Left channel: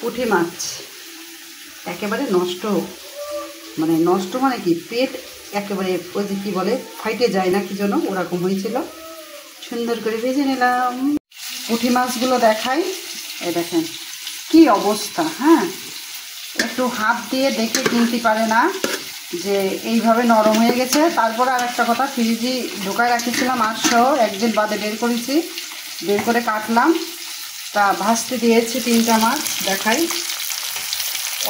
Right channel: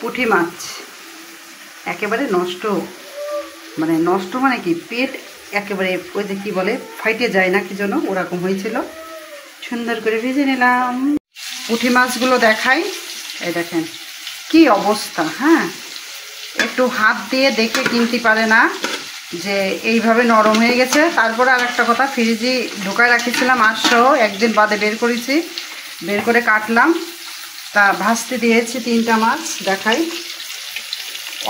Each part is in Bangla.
পুঁটি মাছ একেবারে নষ্ট, নষ্ট মানে কি, পেট একেবারে ওই যে কী বলে ফাইটে যায় না কি যেন ওরকম হয়েছিল। সুন্দর করে ভেজে নিলাম। পুঁটি মাছগুলো দেখাই, এই দেখেন কি অবস্থা। হ্যাঁ, একটু হাত দিয়ে দেখে কিনতে পারে না যে এইভাবে নরম হয়ে গেছে। তারপরে আর একটা কথা, ফ্রিজে ঢোকায় রাখিছিলাম আজসহ, একদিন বাদে বের করেছি, বের করে কাটলাম, তা ভাজতে দিয়েছি 3টা মাছ। দেখাই,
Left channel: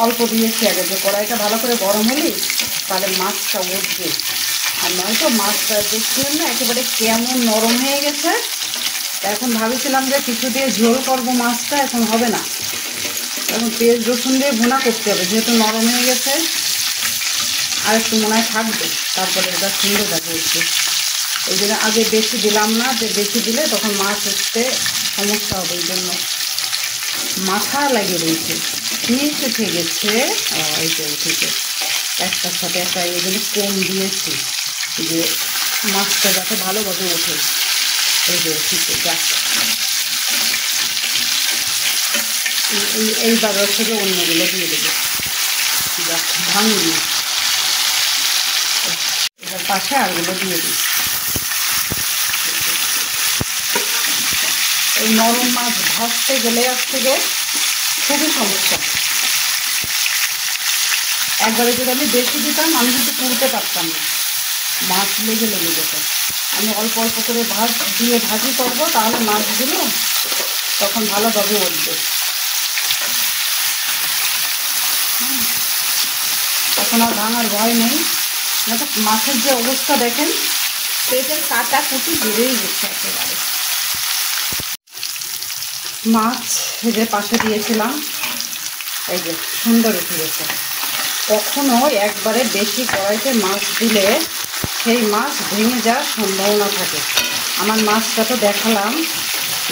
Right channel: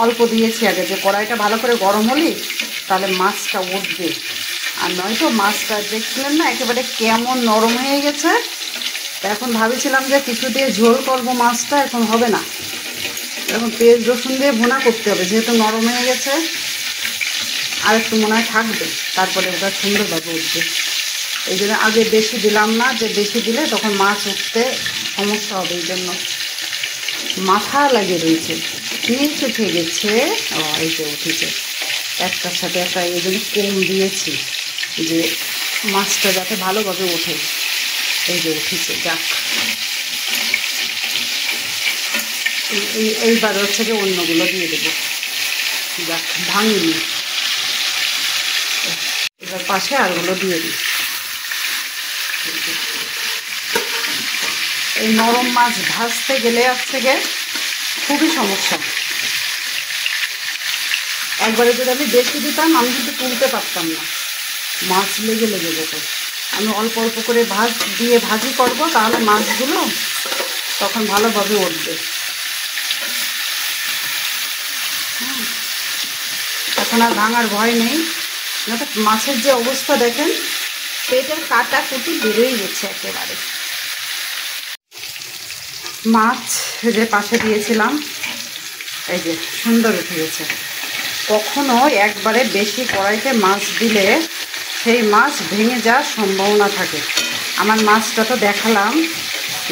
অল্প দিয়েছি আগে, যে কড়াইটা ভালো করে গরম হলেই তাহলে মাছটা উঠবে। আর নয়তো মাছটা দেখছিলেন না একেবারে কেমন নরম হয়ে গেছে। এখন ভাবছিলাম যে কিছু দিয়ে ঝোল করবো মাছটা, এখন হবে না, এখন পেঁয়াজ রসুন দিয়ে ভুনা করতে হবে, যেহেতু নরম হয়ে গেছে। আর একটু মনে হয় থাকবে, তারপরে ওটা সুন্দরভাবে উঠবে। এই জন্য আগে বেশি দিলাম না, যে বেশি দিলে তখন মাছ উঠতে সমস্যা হবে। এই জন্য মাথা লাগিয়ে রয়েছে, নিচ উঠে গেছে। এই যে উঠেছে একটার সাথে একটা, এই জন্য কম দিয়েছি যে মাছটা যাতে ভালোভাবে ওঠে। এই যে উঠেছে, যাক। এইবার ওর থেকে অন্যগুলো দিয়ে দেবো, যাক ভাঙিনি। এবার পাশে আরগুলো দিয়ে দিই। এই নরম মাছ ভাজতে গেলে আজ থেকে খুবই সমস্যা। একবারে যদি আমি বেশি দিতাম আমি কিন্তু তুলতে পারতাম না, মাছ লেগে লেগে যেত। আমি অল্প অল্প করে ভাজি করবো, তাহলে মাছগুলো তখন ভালোভাবে উঠবে। এখন আর ভাঙার ভয় নেই। মাছের যে অবস্থা দেখেন, পেটের কাটা কুটি বেরোই গেছে একেবারে। মাছ যে পাশে দিয়েছিলাম, এই যে সুন্দর উঠে গেছে। কখনো একবারে বেশি কড়াইতে মাছ দিলে সেই মাছ ভেঙে যাওয়ার সম্ভাবনা থাকে। আমার মাছটা তো দেখালাম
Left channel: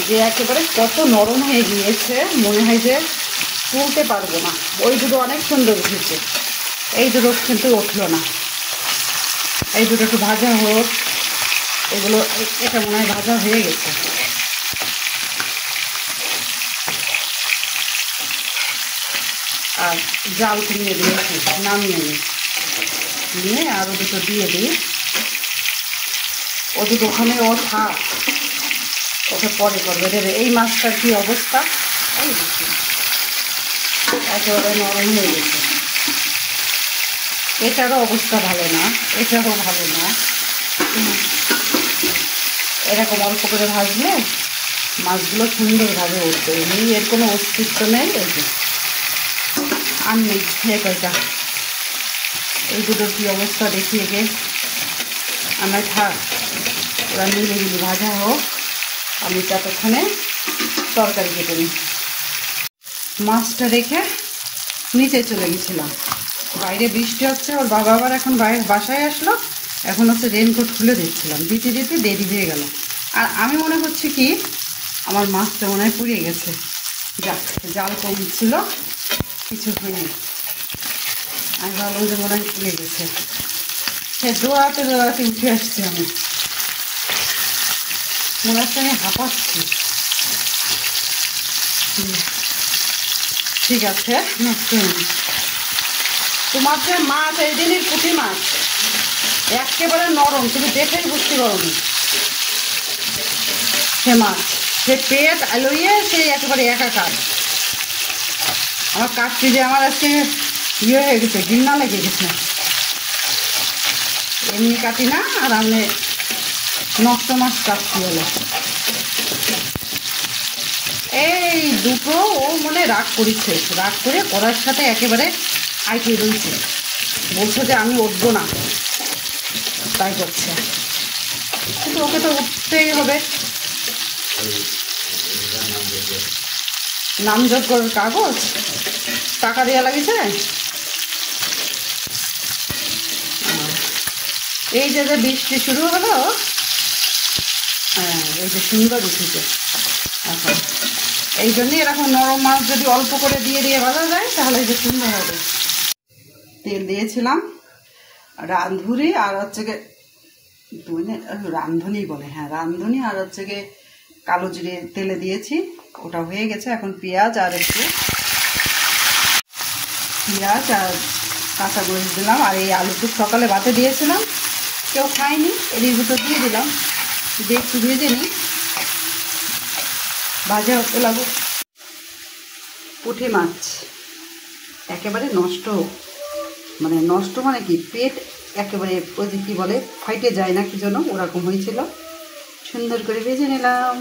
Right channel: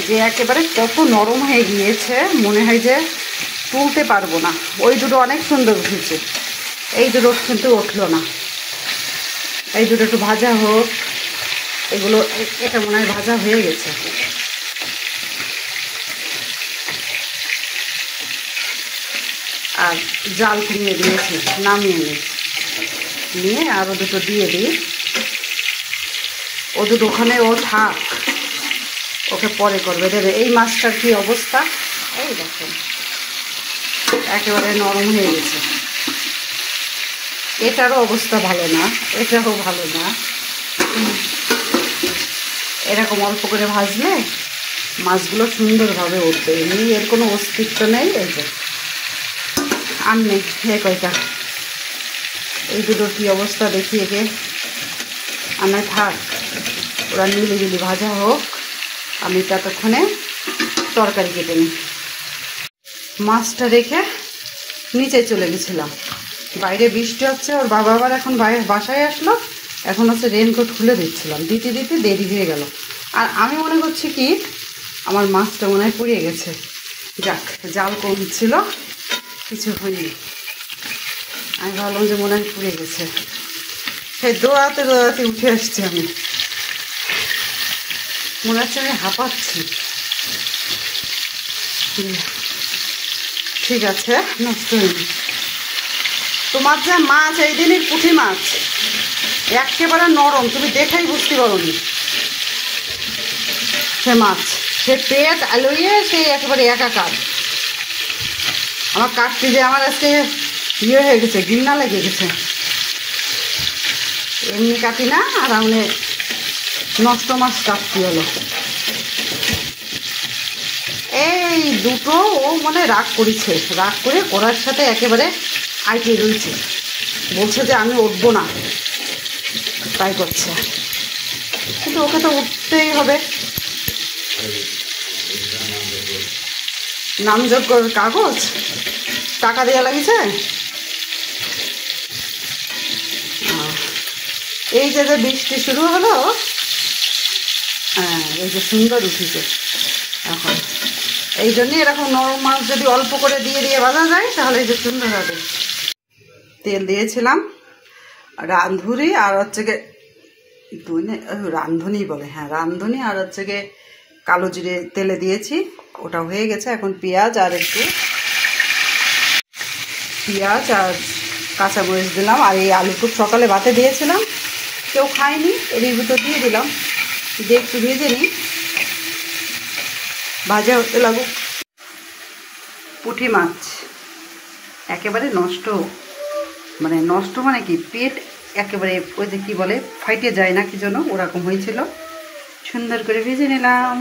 যে একেবারে কত নরম হয়ে গিয়েছে, মনে হয় যে তুলতে পারবো না। ওই দুটো অনেক সুন্দর উঠেছে, এই দুটো কিন্তু উঠলো না। এই দুটো একটু ভাজা হোক, এগুলো এটা মনে হয় ভাজা হয়ে গেছে। আর জাল কিনে দিয়েছি, নামিয়ে নিয়ে আরও দুটো দিয়ে দিই। ও দুটো ওখানে ও থাক, ওকে পরে করবে দেবে। এই মাছটার কি অবস্থা, এই দেখেন একেবারে নরম হয়ে গেছে। এটারও অবস্থা ভালো না, এটারও ভালো না। এরকম অল্প করে ভাজলে মাছগুলো সুন্দরভাবে উঠবে, এমনি এর কোনো অস্তিত্ব নেই। এই যে আর নেই, কয়টা এই দুটোর কী অবস্থা দেখি একে। আমরা থাক, ওরা নিলিবিলি ভাজা হোক, আমি ততক্ষণে তরকারি কেটে নিই। মাছটা রেখে নিচে চলে গেছিলাম, বাইরে বৃষ্টি হচ্ছে। ওর বাবা আবার এখন বাসায় আসলো, এখন হচ্ছে রেনকোট খুলে দিচ্ছিলাম, দিতে দিতে দেরি হয়ে গেল। আর আমি মনে করছি কি আমার মাছটা মনে হয় পুড়িয়ে গেছে। যাক, জাল কম ছিল, কিছু হয়নি। আমি ভাবলাম যে মনে হয় পুড়ে গেছে, সে দৌড়াতে দৌড়াতে উঠে আসছি। আমি মনে হচ্ছে আমি হাঁপাচ্ছি। ঠিক আছে, নষ্ট হয়নি। তোমার যে মাছ এই দিনের পুঁটি মাছ একেবারে নরম, তুমি দেখেই বুঝতে পারো নি। সে মাছ, সে পেট আলুইয়ে সে একেবারে একাকার। আমার কাটতে যে আমার আজকে ইয়ে হয়ে গেছে, ঘৃণা লেগে গেছে। এমনি কাটি না, আর আমি নষ্ট মাছ কাটতে হলো। এই দুটো ও মানে রাগ করেছে, রাগ করে কড়ার সাথে একেবারে আইটে রয়েছে, বলছে যে আমি উঠবো না, তাই করছে। কিন্তু ওকে তো উঠতেই হবে। নামযোগ্য কাগজ টাকা দেওয়া লাগিছে। এই যে বৃষ্টি শুরু হলো, হ্যাঁ এই যে সুন্দর উঠেছে। এখন এই জন্যই এরকম নরম মাছ যদি অল্প করে দিয়ে দিয়ে ভাজা যায় তাহলে এই যে সুন্দর হবে। তেল দিয়েছিলাম রাঁধুনি, আর হচ্ছে গিয়ে রাঁধুনি বলে, হ্যাঁ রাঁধুনি, আর হচ্ছে গিয়ে কালো জিরে তেলে দিয়েছি, ওটা হয়ে গেছে। এখন পেঁয়াজ আর একটু পেঁয়াজ আর কাঁচামরিচ দিলাম। আর এই আলুটুক সকালে বাতে দিয়েছিলাম, কেউ খায়নি, এর ভিতর দিয়ে দিলাম। দিয়ে একটু ভেজে নিই, ভাজা হতে লাগুক। পুঁটি মাছ একেবারে নষ্ট, মানে নষ্ট মানে কি, পেট একেবারে ওই যে কী বলে ফাইটে যায় না কি জন্য, ওরকম হয়েছিল। সুন্দর করে ভেজে নিলাম।